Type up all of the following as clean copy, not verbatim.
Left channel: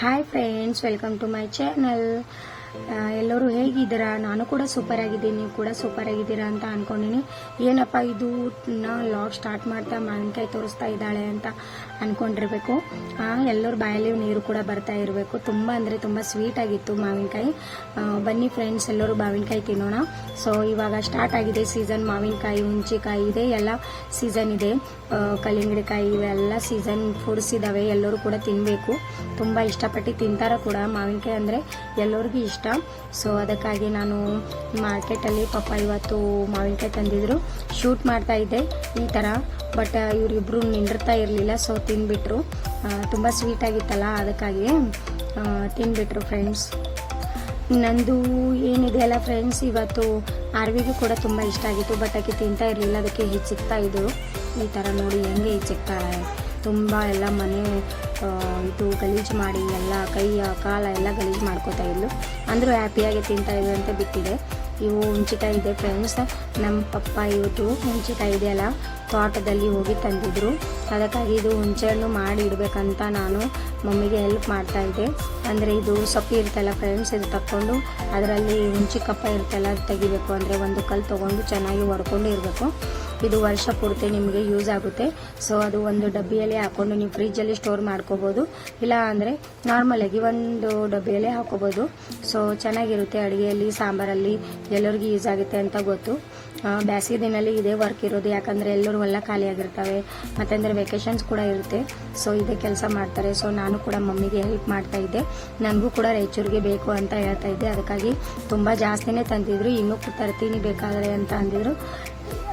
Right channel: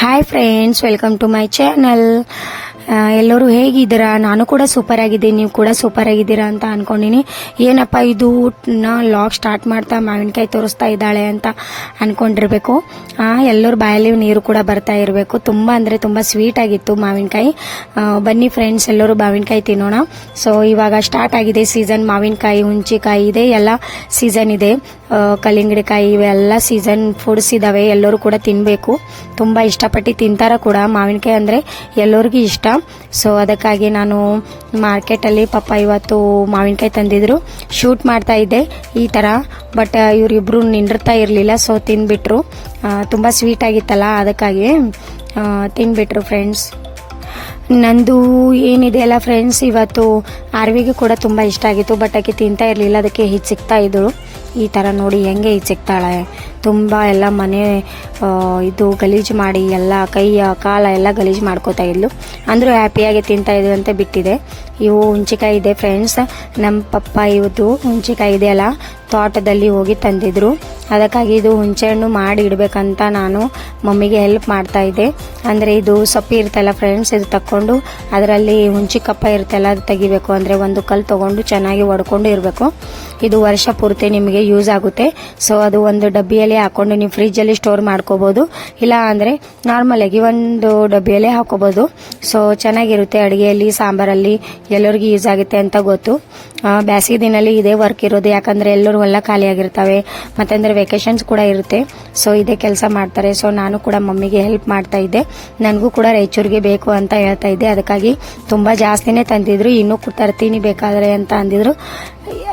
Hi friends, welcome to my channel. ಎಲ್ಲರೂ ಹೇಗಿದ್ದೀರಾ? ನಾನು ಕೂಡ ಸೂಪರ್ ಆಗಿದ್ದೀನಿ, ನೀವು ಕೂಡ ಸೂಪರ್ ಆಗಿದ್ದೀರಾ ಅಂತ ಅನ್ಕೊಂಡಿನಿ. ಏನಪ್ಪ ಇದು ಲಾಗ್ ಸ್ಟಾರ್ಟ್ ಮಾಡ್ತಾ ಮಾವಿನಕಾಯಿ ತೋರಿಸ್ತಾ ಇದ್ದಾಳೆ ಅಂತ ಅನ್ಕೊಂಡಿರ್ಬೇಕು. ಎಲ್ಲರ ಬಾಯಲ್ಲಿ ನೀರು ಕೂಡ ಬರ್ತಾ ಇರಬೇಕು. ತುಂಬ ಅಂದರೆ ತುಂಬ ಸ್ವೀಟ್ ಆಗಿತ್ತು ಮಾವಿನಕಾಯಿ. ಬನ್ನಿ ಫ್ರೆಂಡ್ಸ್, ಎಲ್ಲರೂ ಮಾವಿನಕಾಯಿ ತಿನ್ನೋಣ. ಸೊ ಇವಾಗ ಸ್ಟಾರ್ಟ್ ಆಗಿದೆ ಸೀಸನ್. ಮಾವಿನಕಾಯಿ, ಹುಂಚಿಕಾಯಿ ಇದೆ, ಎಲ್ಲ ಸೀಸನ್ ಇದೆ. ಕಲ್ಲಿಂಗಡಿಕಾಯಿ ಇವೆಲ್ಲ ಸೀಸನ್ ಫುಡ್ಸ್ ಇದಾವೆ. ಎಲ್ಲರೂ ಕೂಡ ತಿನ್ನಬೇಕು. ತುಂಬ ಇಷ್ಟಪಟ್ಟು ತಿಂತಾರ ಕೂಡ. ಮಾವಿನಕಾಯಿ ಅಂದರೆ ಎಲ್ಲರಿಗೂ ಇಷ್ಟ. ಸೊ ಅದಕ್ಕಾಗಿ ನಾನು ಮಾರ್ಕೆಟಲ್ಲಿ ಪಾಪ ಇವತ್ತು ಮಾವಿನಕಾಯಿ ತಂದಿದ್ರು. ಶೂಟ್ ಮಾಡ್ತಾ ಇದ್ದೆ ಈ ಥರ, ಬಟ್ ಇವರಿಬ್ರು ನಿಂದಿರ್ತಾ ಇರಲಿಲ್ಲ. ಸೊ ತಿಂದ್ಬಿಟ್ರು. ತುಂಬ ಸ್ವೀಟ್ ಆಗಿತ್ತಲ್ಲ, ಅದಕ್ಕಾಗಿ ತಿಂದ್ಬಿಟ್ರು ಫ್ರೆಂಡ್ಸ್. ನಂದು ಏನಿದೆ ಅಲ್ಲ ಫ್ರೆಂಡ್ಸ್, ಇವತ್ತು ಆರ್ವಿಗೂ ಕೂಡ ತುಂಬ ಇಷ್ಟ ಆಗಿತ್ತು, ಬಟ್ ಆಕೆ ತಿಂತಾ ಇರಲಿಲ್ಲ. ಅದಕ್ಕೆ ಹಿಚ್ಚಿಕ್ತಾ ಇದ್ರು. ಈ ಥರ ನೋಡಿ ಹೆಂಗೆ ಹಿಚ್ಚಿಕ್ತಾಳೆ. ತುಂಬ ಎಲ್ಲ ಮನೆ ಇದು ಗಲೀಜು ಮಾಡಿ ಎಲ್ಲ ಕೈಯ ಕಾಲ ಎಲ್ಲ ಗಲೀಜು ಮಾಡ್ಕೋತಾ ಇದ್ಲು. ಅಂದರೂ ಹ್ಯಾಪಿಯಾಗಿ ತಿಂತಾ ಇದ್ರು ಅಂತ ಬಿಟ್ಟಿದೆ. ಇವು ಹುಂಚಿಕಾಯಿ ಇದೆ ಫ್ರೆಂಡ್ಸ್. ನಮ್ಮ ಪಪ್ಪ ಇವತ್ತು ಹುಂಚಿಕಾಯಿ ಇದೆ ಅಲ್ಲ, ತೋಟದಲ್ಲಿ ಹೋಗಿ ತಂದಿದ್ರು. ಅದಕ್ಕಾಗಿ ಇದು ಹುಂಚೆ ಹಣ್ಣು ಮಾಡಿ ಇಡಬೇಕಂತ ನಾನು ಮಮ್ಮಿಗೆ ಹೆಲ್ಪ್ ಮಾಡ್ತಾ ಇದ್ದೆ. ಅಂದರೆ ಇದು ಸೊಪ್ಪಿ ಇರ್ತಲ್ಲ ಫ್ರೆಂಡ್ಸ್, ಇದು ತಕ್ಕೊಂಡು ಅದರಲ್ಲಿ ಹುಂಚಿ ಕಪ್ಪ ಇರುತ್ತಲ್ಲ, ಅದು ತೆಗಿಬೇಕು. ಅಂದರೆ ಒಂದು ಕಲ್ಲು ತೊಗೊಂಡು ಚೆನ್ನಾಗಿ ಒಡ್ಕೊಂಡು ಇರಬೇಕು. ಇದು ವರ್ಷ ಪೂರ್ತಿ ನಿಮಗೆ ಯೂಸ್ ಆಗುತ್ತೆ. ಸೊ ಅದು ಒಂದು ಡಬ್ಬಿಯಲ್ಲಿ ಹಾಕೊಂಡು ನೀವು ಫ್ರಿಜ್ಜಲ್ಲಿ ಸ್ಟೋರ್ ಮಾಡ್ಕೋಬೋದು, ಇಲ್ಲ ಅಂದರೆ ನಾರ್ಮಲಾಗಿ ಒಂದು ಡಬ್ಬಿಯಲ್ಲಿ ಹಾಕೋಬೋದು. ಸೊ ಚೆನ್ನಾಗಿರುತ್ತೆ ಅಡುಗೆಯಲ್ಲಿ, ಸಾಂಬಾರಲ್ಲಿ ಎಲ್ಲರಿಗೂ ಯೂಸ್ ಆಗುತ್ತೆ ಅಂತ ಗೊತ್ತು. ಬೇಸಿಗೆ ದಿನಲ್ಲಿ ಇದೇ ವರ್ಕ್ ಇರೋದು, ಯಾಕಂದರೆ ಎಲ್ಲರೂ ಎಲ್ಲ ಖಾಲಿಯಾಗಿರ್ತವೆ, ಮತ್ತಂದರೆ ವೆಕೇಶನ್ಸ್ ಕೂಡ ಇರುತ್ತೆ. ಸೊ ಇದೇ ಕೆಲಸ ಮಾಡ್ತಾರೆ. ಸೊ ನಾನು ಕೂಡ ಮಮ್ಮಿಗೆ ಹೆಲ್ಪ್ ಮಾಡ್ತಾ ಇದ್ದೆ. ನನಗೂ ಕೂಡ ರಾಯಚೂರಿಗೆ ಬೇಕು ಅಂತ ಹೇಳ್ತಾ ಇದ್ದೆ. ಅದಕ್ಕಾಗಿ ತುಂಬ ಜಾಸ್ತಿನೇ ತಂದಿದ್ರು. ಇನ್ನೂ ತರ್ತೀನಿ ಬೇಕಾದರೆ ಅಂತ ಅಂದಿದ್ರು.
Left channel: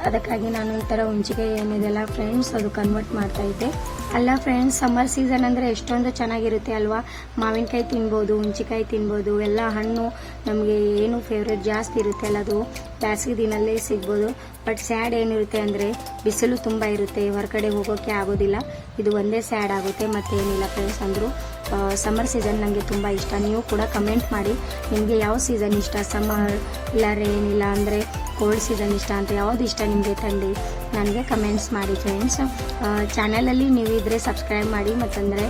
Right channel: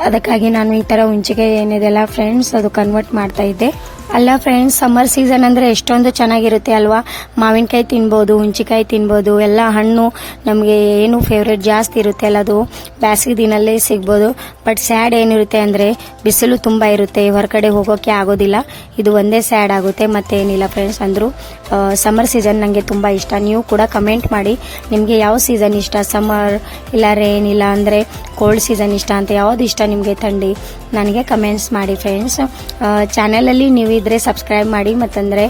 ಅದಕ್ಕಾಗಿ ನಾನು ಈ ಥರ ಹುಂಚಿಕಾಯಿ ಏನಿದೆಲ್ಲ ಫ್ರೆಂಡ್ಸ್, ಅದು ಕನ್ವರ್ಟ್ ಮಾಡ್ತಾ ಇದ್ದೆ. ಅಲ್ಲ ಫ್ರೆಂಡ್ಸ್, ಸಮ್ಮರ್ ಸೀಸನ್ ಅಂದರೆ ಎಷ್ಟೊಂದು ಚೆನ್ನಾಗಿರುತ್ತೆ ಅಲ್ವಾ. ಮಾವಿನಕಾಯಿ ತಿನ್ಬೋದು, ಹುಂಚಿಕಾಯಿ ತಿನ್ಬೋದು, ಎಲ್ಲ ಹಣ್ಣು ನಮಗೆ ಏನು ಫೇವ್ರೇಟ್ ಜಾಸ್ತಿ ಇರುತ್ತೆ ಅಲ್ಲ, ಅದು ಬೇಸಿಗೆ ದಿನಲ್ಲೇ ಸಿಗ್ಬೋದು. ಬಟ್ ಸ್ಯಾಡ್ ಏನಿರುತ್ತೆ ಅಂದರೆ ಬಿಸಿಲು ತುಂಬ ಇರುತ್ತೆ, ಹೊರಗಡೆ ಹೋಗೋಕ್ಕೆ ಆಗೋದಿಲ್ಲ. ಇದು ಒಂದೇ ಸ್ಯಾಡ್ ಆಗುತ್ತೆ, ಮತ್ತೇನಿಲ್ಲ ಫ್ರೆಂಡ್ಸ್. ಅಂದರೂ ಸಮ್ಮರ್ ಸೀಸನ್ ನನಗೆ ತುಂಬ ಇಷ್ಟ. ನೀವು ಕೂಡ ಕಮೆಂಟ್ ಮಾಡಿ, ನಿಮಗೆ ಯಾವ ಸೀಸನ್ ಇಷ್ಟ? ಸಮ್ಮರ್ ಇಲ್ಲ ರೇನ್, ಇಲ್ಲ ಅಂದರೆ ಕೋಲ್ಡ್ ಸೀಸನ್ ಇಷ್ಟ ಅಂತ ಯಾವುದು ಇಷ್ಟ ನಿಮಗೆ? ಥಂಡಿ ನನಗೆ ಕಮೆಂಟ್ಸ್ ಮಾಡಿ ಫ್ರೆಂಡ್ಸ್. ಚಾನಲಲ್ಲಿ ನೀವು ಇದ್ರೆ ಸಬ್ಸ್ಕ್ರೈಬ್ ಮಾಡಿ, ಮತ್ತಂದರೆ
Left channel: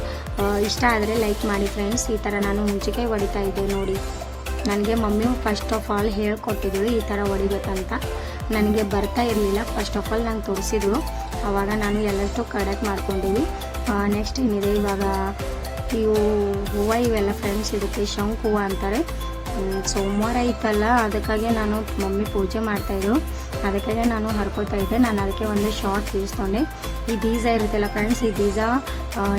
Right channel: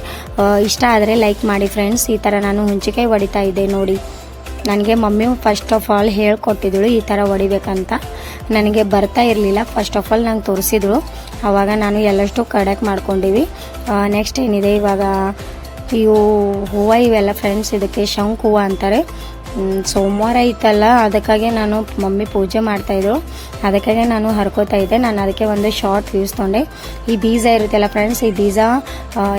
ಇಷ್ಟ ಆದರೆ ಲೈಕ್ ಮಾಡಿ ಫ್ರೆಂಡ್ಸ್. ಈ ಥರ ನಾನು ಹುಂಚಿಕಾಯಿ ಹೊಡಿತಾ ಇದ್ದೆ ನೋಡಿ. ನನಗೆ ಮಮ್ಮಿ ಫಸ್ಟ್ ಆಫ್ ಆಲ್ ಹೇಳ್ಕೊಟ್ಟಿದ್ದಳು ಈ ಥರ ಹೊಡಿಬೇಕಂತ. ನನಗೆ ಬರ್ತಾ ಇರಲಿಲ್ಲ. ಫಸ್ಟ್ ಆಫ್ ಆಲ್ ನಂಗೆ ತೋರಿಸಿದ್ರು. ಆವಾಗ ನಾನು ಎಲ್ಲಷ್ಟು ಕಡೆಕ್ಟ್ ಮಾಡ್ಕೊಂಡಿವಿ. ನೆಕ್ಸ್ಟ್ ಏನಿದೆ ಇವಾಗ, ಇವು ಹೂವು ಇವೆಲ್ಲ ಫ್ರೆಂಡ್ಸ್, ಇದಕ್ಕೆ ಶಂಕು ಹೂವು ಅಂತಾರೆ. ಸೋಮವಾರ ಇತ್ತಲ್ಲ, ಅದಕ್ಕಾಗಿ ನಾನು ಮಮ್ಮಿ ಪೂಜೆ ಮಾಡ್ತಾಯಿದ್ರು. ಅದಕ್ಕಾಗಿ ನಾನು ಹರ್ಕೋತಾ ಇದ್ದೆ. ನಾನು ಅದಕ್ಕೆ ಒಂದು ಶಾರ್ಟ್ ವ್ಯೂಸ್ ತೊಗೊಂಡೆ. ಈ ಬೀಜ ಇರುತ್ತಲ್ಲ ಫ್ರೆಂಡ್ಸ್, ಈ ಬೀಜ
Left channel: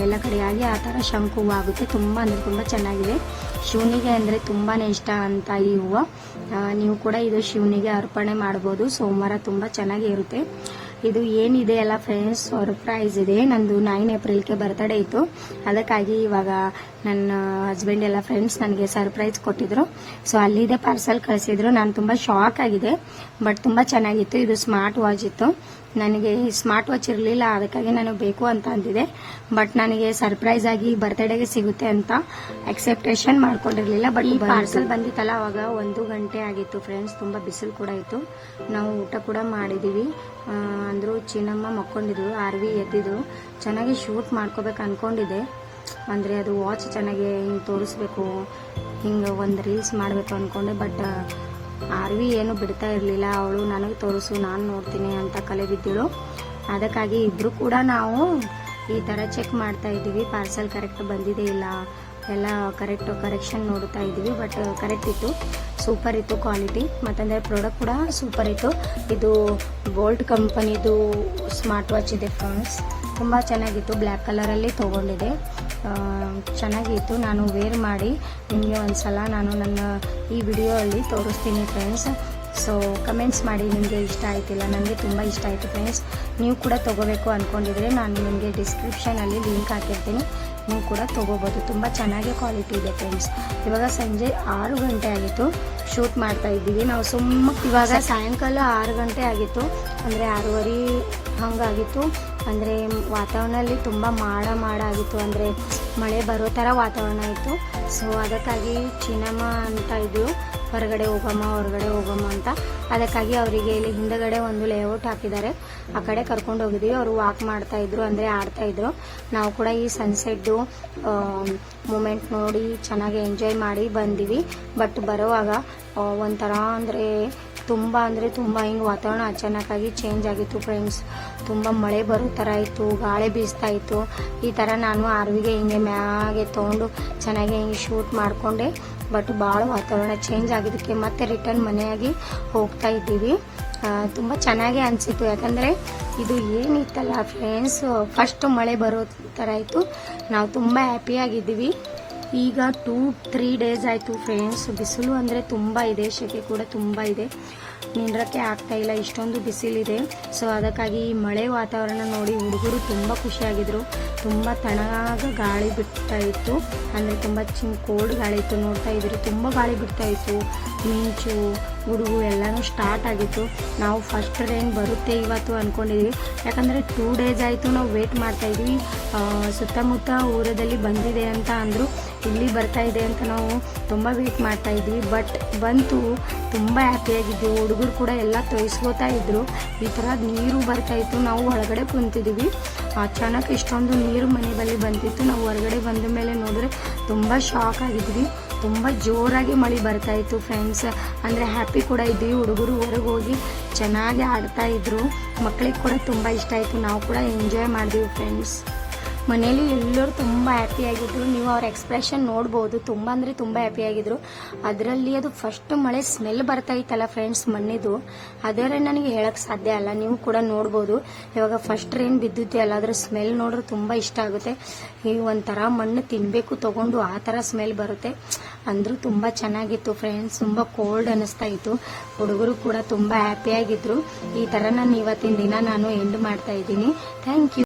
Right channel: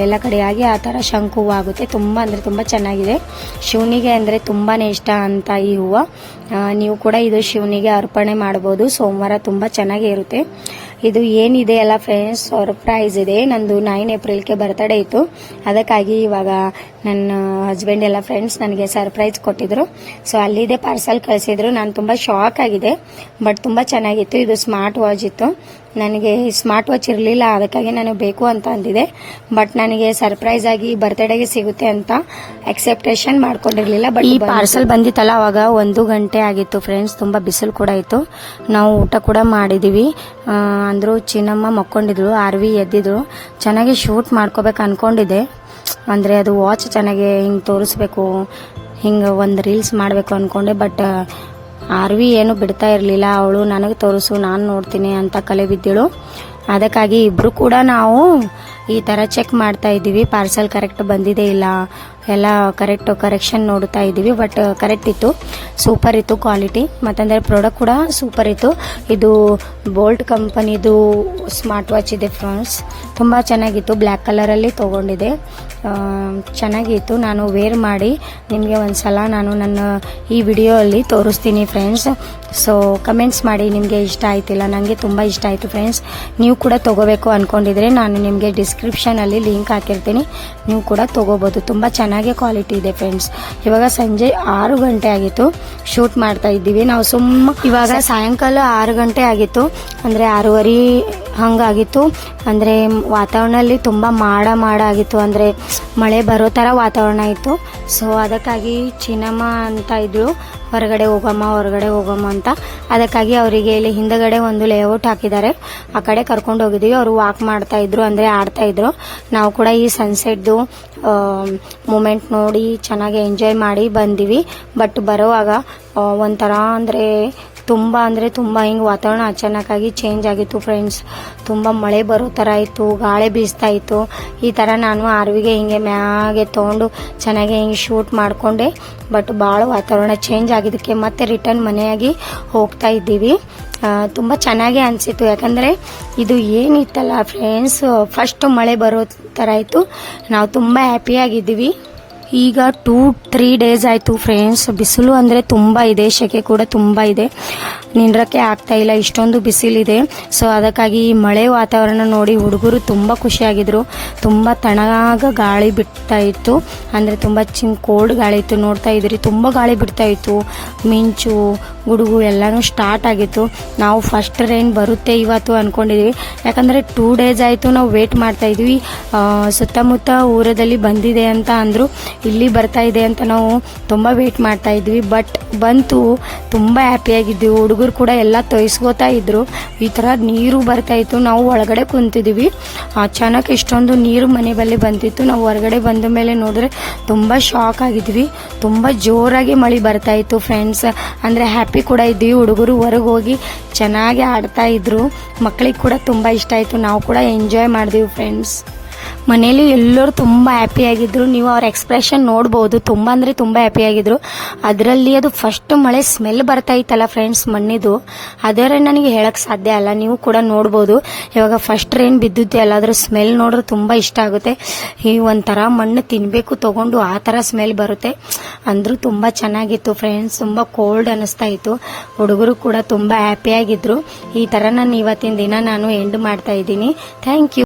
ಎಲ್ಲ ಕಡೆಯಾಗಿ ಆ ಥರ ಶಂಕು ಹೂವು ಆಗುತ್ತೆ. ತುಂಬ ಅಂದರೆ ತುಂಬ ಚೆನ್ನಾಗಿದೆ. ಶಿವನಿಗೆ ಅಂದರೆ ತುಂಬಾ ಇಷ್ಟ ಅಂತ ಈ ಹೂವು. ನೀವು ಕೂಡ ಇದು ಶಿವನಿಗೆ ಅರ್ಪಣೆ ಮಾಡ್ಬೋದು. ಸೋಮವಾರ ತುಂಬ ಚೆನ್ನಾಗೇ ಇರುತ್ತೆ. ಇದು ಏನಿದೆ ಅಲ್ಲ ಫ್ರೆಂಡ್ಸ್, ಸರ್ಪ್ರೈಸ್ ಇದೆ. ನಂದು 9 ಏಪ್ರಿಲ್ಗೆ ಬರ್ತಡೇ ಇತ್ತು. ಅದಕ್ಕಾಗಿ ಇವಾಗ ನನ್ನ ಹಸ್ಬೆಂಡ್ ಎಲ್ಲ ಫ್ರೆಂಡ್ಸ್ ನನಗೆ ಸರ್ಪ್ರೈಸ್ ಕೊಟ್ಟಿದ್ರು. ಸೊ ಅಲ್ಲಿದೆ ಪಾರ್ಸಲ್ ಕಳಿಸಿದ್ರು. ನಾನು ತುಂಬ ಶಾಕ್ ಆಗಿದೆ, ಬಟ್ ತುಂಬ ಚೆನ್ನಾಗಿತ್ತು. ಇದು ಸ್ಮಾರ್ಟ್ ವಾಚ್ ಇತ್ತು. ನನಗೆ ಸ್ಮಾರ್ಟ್ ವಾಚ್ ಇರಲಿಲ್ಲ, ಅದಕ್ಕಾಗಿ ನಾನು ಬೇಕು ಅಂತ ಅಂದಿದೆ. ಬಟ್ ನನಗೆ ಸರ್ಪ್ರೈಸ್ ಆಗಿ ಬರ್ತ್ಡೇಗೆ ಸಿಗುತ್ತೆ ಅಂತ ಎಕ್ಸೆಪ್ಟೇಷನ್ ಮಾಡ್ಕೊಂಡಿರಲಿಲ್ಲ. ಬಟ್ ಈ ಪಾರ್ಸಲ್ ಬಂದಿತ್ತಲ್ಲ, ಅವಾಗ 1 ಗಂಟೆ ಆಗಿತ್ತು ಫ್ರೆಂಡ್ಸ್. ತುಂಬ ಬಿಸಿಲು ಕೂಡ ಇತ್ತು. ನಾವು ಊಟ ಕೂಡ ಮಾಡಿದ್ದೀವಿ. ಅಂದರೂ ಚಿನ್ನಮ್ಮ ಮಕ್ಕೊಂಡಿದ್ರು, ಆರ್ವಿ ಎದ್ದಿದ್ರು. ಚೆನ್ನಾಗಿ ಶೂಟ್ ಮಾಡ್ಕೋಬೇಕು ಅಂದ್ಕೊಂಡಿದ್ದೆ. ಅಂದರೆ ಅದು ವಾಚ್ ಚೆನ್ನಾಗಿ ಹಿಂಗೆ ತೋರಿಸ್ಬೇಕು, ಹಿಂಗೆ ಒಂದು ರೀಲ್ಸ್ ಮಾಡಬೇಕು ಅಂದ್ಕೊಂಡೆ. ಬಟ್ ಆರ್ವಿ ಏನು ಬಿಡ್ತಾ ಇರಲಿಲ್ಲ. ಅವಳು ನನಗೆ ತೋರಿಸು, ನಾನು ನೋಡ್ತೀನಿ ಅಂತ ಕಲೆ ಬಿದ್ದಳು. ಅದಕ್ಕಾಗಿ ಇಬ್ಬರು ಕೂಡ ನಾವು ಈ ಥರ ಚೆಕ್ ಮಾಡ್ತಾ ಇದ್ದೀವಿ, ಪಾರ್ಸಲ್ ಕರೆಕ್ಟ್ ಬಂದಿದೆ ಇಲ್ಲ, ಎಲ್ಲ ಕರೆಕ್ಷನ್ ನೋಡ್ತಾ ಇದ್ದೀವಿ. ಬಟ್ ಕರೆಕ್ಟ್ ಇತ್ತು, ಸೂಪರ್ ಇತ್ತು ಕ್ವಾಲಿಟಿ. ಮತ್ತಂದರೆ ಪ್ರಾಡಕ್ಟ್ ಕೂಡ ಸೂಪರ್ ಇತ್ತು. ಇದು ಬೋಲ್ಟ್ ಕಂಪನಿದು ಸ್ಮಾರ್ಟ್ ವಾಚ್ ಇದೆ ಫ್ರೆಂಡ್ಸ್. ತುಂಬ ಚೆನ್ನಾಗಿತ್ತು. ಬ್ಲ್ಯಾಕ್ ಕಲರಲ್ಲಿ ತೊಗೊಂಡಿದೆ. ಚೆನ್ನಾಗಿತ್ತು. ನಾನು ವೇರ್ ಮಾಡಿ ನಿಮಗೆ ಒಂದು ಸಲ ನಾನು ನನ್ನ ಈ ವಿಡಿಯೋ ಅಲ್ಲಿ ತೋರಿಸ್ತೀನಿ ಫ್ರೆಂಡ್ಸ್. ಸೊ ಕಮೆಂಟ್ಸ್ ಮಾಡಿ ನಿಮಗೆ ಇಷ್ಟ ಆಯ್ತಿಲ್ಲ. ನನಗೆ ತುಂಬ ಇಷ್ಟ ಆಯಿತು ಫ್ರೆಂಡ್ಸ್. ನೀವು ಕೂಡ ತೊಗೋಬೇಕು ಅಂದ್ಕೊಂಡಿದ್ರೆ ನಾನು ನಿಮಗೆ ಡಿಸ್ಕ್ರಿಪ್ಷನಲ್ಲಿ ಲಿಂಕ್ ಹಾಕಿರ್ತೀನಿ, ನೀವು ಕೂಡ ತೊಗೋಬೋದು. ತುಂಬ ಚೆನ್ನಾಗಿ ಕ್ವಾಲಿಟಿ ಇದೆ ಫ್ರೆಂಡ್ಸ್. ಇವಾಗ ಸಂಜೆ 6 ಗಂಟೆ ಆಗಿತ್ತು, ಶೂಟ್ ಮಾಡ್ತಾ ಇದ್ದೀವಿ ನಾವು. ಇವಾಗ ಸಾಯಂಕಾಲ 6 ಗಂಟೆ ಆಗಿತ್ತು, ಅಂದರೆ 6:30 ಹಂಗಾಗಿತ್ತು. ಅಂದರೆ ವಾತಾವರಣದಲ್ಲಿ ತುಂಬ ಮಾಡ ಆಗಿತ್ತು, ಅಂದರೆ ಮಳೆ ಬರೋ ಥರ ವಾತಾವರಣ ಇತ್ತು. ಸೊ ಅದಕ್ಕಾಗಿ ಚಿನ್ನಮ್ಮ ಅಂತ ಇದ್ರು, ಹೊರಗಡೆ ಹೋಗಮ್ಮ ಅಂತ. ಅದಕ್ಕಾಗಿ ಅವರಿಗೆ ಇಲ್ಲಿ ಹಿಂದಗಡೆ ಒಂದು ಲೇಔಟ್ ಹಾಕಿದ್ದಾರೆ, ಆ ಕಡೆ ಕರ್ಕೊಂಡು ಹೋಗಿದ್ದೀವಿ. ಅವರು ವಾಕ್ ಮಾಡ್ತಾ ಇದ್ರು, ಅಂದರೆ ಆಡ್ತಾ ಇದ್ರು. ನಾವು ಕೂಡ ಈ ಸನ್ಸೆಟ್ದು ಮೂಮೆಂಟ್ ನೋಡಿ ಚೆನ್ನಾಗಿ ಎಂಜಾಯ್ ಮಾಡಿ ಬಂದಿವಿ. ಬಟ್ ಬರೋವಾಗ ಒಂಥರ ಅಂದರೆ ತುಂಬ ಹಿಂಗೆ ವಾತಾವರಣ ಅಚಾನಕ್ಕಾಗಿ ಚೇಂಜ್ ಆಗಿತ್ತು ಫ್ರೆಂಡ್ಸ್. ತುಂಬ ಮಳೆ ಬರೋ ಥರ ಇತ್ತು, ಗಾಳಿ ಬೀಸ್ತಾ ಇತ್ತು. ಈ ಥರ ನಾನು ಆರ್ವಿಗೆ ಹಿಂಗೆ ಮ್ಯಾಗೆ ತೊಗೊಂಡು ಚೆನ್ನಾಗಿ ಹಿಂಗೆ ಶೂಟ್ ಮಾಡಿಕೊಂಡೆ. ಬಟ್ ಭಾಳ ವಾತಾವರಣ ಚೇಂಜ್ ಆಗಿದ್ದಕ್ಕೆ ಮತ್ತೆ ರಿಟರ್ನ್ ಮನೆಯಾಗಿ ಹೋಗ್ತಾ ಇದ್ದೀವಿ. ತುಂಬ ಚೆನ್ನಾಗೇ ಅನಿಸಿತ್ತು, ಯಾಕಂದರೆ ಇದು ಏನಿತ್ತಲ್ಲ ಫ್ರೆಂಡ್ಸ್, ಫಸ್ಟ್ ಮಳೆ ಬರೋ ಥರ ಇತ್ತು. ನಾವು ತುಂಬ ಹ್ಯಾಪಿಯಾಗಿದ್ದೀವಿ. ಈಗ 2-3 ಡೇಸ್ ಆಯಿತು ಫ್ರೆಂಡ್ಸ್. ಬಿಸಿಲು ಅಂದರೆ ತುಂಬ ಇದೆ, ಸೆಕೆ ಕೂಡ ತುಂಬ ಇದೆ, ನಿಂದ್ರಕ್ಕೆ ಆಗ್ತಾ ಇಲ್ಲ, ಇಷ್ಟೊಂದು ಬಿಸಿಲಿದೆ. ಸೊ ಅದಕ್ಕಾಗಿ ಈ ಮಳೆ ವಾತಾವರಣ ನೋಡಿ ಹುಡುಗರು ತುಂಬ ಖುಷಿಯಾಗಿದ್ರು. ತುಂಬ ತಣ್ಣಗ ಗಾಳಿ ಬಿಡ್ತಾ ಇತ್ತು, ಅಂದರೆ ತುಂಬ ಕೋಲ್ಡ್ ಗಾಳಿ ಇತ್ತು. ನೋಡ್ತಾ ಇದ್ರಿ, ತುಂಬ ಗಾಳಿ ಬಿಡ್ತಾ ಇತ್ತು, ಮಿಂಚು ಗುಡುಗು ಎಲ್ಲನೂ ಸ್ಟಾರ್ಟ್ ಆಗಿತ್ತು. ನಾವು ಫಸ್ಟ್ ರೈನ್ ಬರುತ್ತೆ ಇವತ್ತು ಅಂದ್ಕೊಂಡಿದ್ವಿ, ಯಾಕಂದರೆ 2 ಡೇಸ್ ಆಯಿತು ನಾವು ವೇಟ್ ಮಾಡ್ತಾ ಇದ್ವಿ. ಸುತ್ತಮುತ್ತ ಊರದಲ್ಲಿ ಬಂದಿದೆ ಅಂತ ಅಂದರು, ಇಲ್ಲಿ ಬರ್ತಾ ಇದೆ ಅಂತ ನಾವು ತುಂಬ ವೇಟ್ ಮಾಡ್ತಾ ಇದ್ವಿ. ಬಟ್ ಬಂತು, ತುಂಬ ಹ್ಯಾಪಿಯಾಗಿದ್ವಿ. ಹುಡುಗರು ಕೂಡ ಎಲ್ಲ ತೊಯ್ಸ್ಕೋತಾ ಇದ್ರು. ಈ ಥರ ನೀರು ಬರ್ತಾ ಇತ್ತು, ನಾವು ಒಳಗಡೆ ಕುಂತಿದ್ವಿ. ಅಚಾನಕ್ ಇಷ್ಟೊಂದು ನೀರು ಮನೆ ಬಳಿ ಬಂದಿತ್ತು. ನಾವು ಹೊರಗಡೆ ಬಂದ ಮೇಲೆ ನೋಡಿದ್ರೆ ತುಂಬ ಶಾಕ್ ಆಗಿದ್ವಿ. ತುಂಬ ಜೋರಾಗಿ ಮಳೆ ಬರ್ತಾ ಇತ್ತು ಫ್ರೆಂಡ್ಸ್. ಅಂದರೆ ಹ್ಯಾಪಿ ಕೂಡ ಇದ್ವಿ. ಹುಡುಗರು ಹೊರಗೆ ಹೋಗಿ ಚೆನ್ನಾಗಿ ಆಡ್ತಾ ಇದ್ರು, ಮಕ್ಕಳಿಗೆ ಕೂಡ ತುಂಬ ಇಷ್ಟ ಆಯಿತು. ನಾವು ಕೂಡ ಎಂಜಾಯ್ ಮಾಡಿದ್ವಿ ಫ್ರೆಂಡ್ಸ್. ಮನೇಲಿ ಎಲ್ಲರೂ ತುಂಬ ಹ್ಯಾಪಿಯಾಗಿದ್ದರು. ನೀವು ಅವ್ರ ಎಕ್ಸ್ಪ್ರೆಷನ್ ನೋಡ್ಬೋದು, ತುಂಬ ಅಂದರೆ ತುಂಬ ಹ್ಯಾಪಿಯಾಗಿದ್ದರು. ಅದರಲ್ಲಿ ಅದು ಫಸ್ಟ್ ಮಳೆ ಸ್ಮೆಲ್ ಬರ್ತಾ ಇತ್ತಲ್ಲ ಫ್ರೆಂಡ್ಸ್, ಮಣ್ಣಿದು, ಅದರ ನನಗೆ ಹೇಳಕ್ಕೆ ಸಾಧ್ಯ ಅಲ್ಲ. ನೀವು ಕೂಡ ನೋಡ್ಬೋದು, ಇವಾಗ ಫಸ್ಟ್ ರೈನ್ ಬಿದ್ದಿದ್ದೆ ಅಲ್ಲ, ಅದ್ರ ಸ್ಮೆಲ್ ನೋಡ್ರೆ ತುಂಬ ಇಷ್ಟ ಆಗುತ್ತೆ. ಈ ಒಂಥರ ಮಣ್ಣು ತಿನ್ನಬೇಕು ತೊಗೊಂಡು ಆ ಥರ ಸ್ಮೆಲ್ ಬರುತ್ತೆ. ಅಂದರೂ ತುಂಬ ಚೆನ್ನಾಗಿತ್ತು ಫ್ರೆಂಡ್ಸ್, ತುಂಬ ಕೋಲ್ಡ್ ಅನ್ನಿಸ್ತಾ ಇತ್ತು. ಹುಡುಗರು ಕೂಡ ತುಂಬ ಹ್ಯಾಪಿಯಾಗಿದ್ದರು. ಈ ಥರ ನಾನು ಇವತ್ತಿನ ದಿನ ನಾನು ಎಂಡ್ ಮಾಡ್ತಾ ಇದ್ದೀನಿ. Thank you.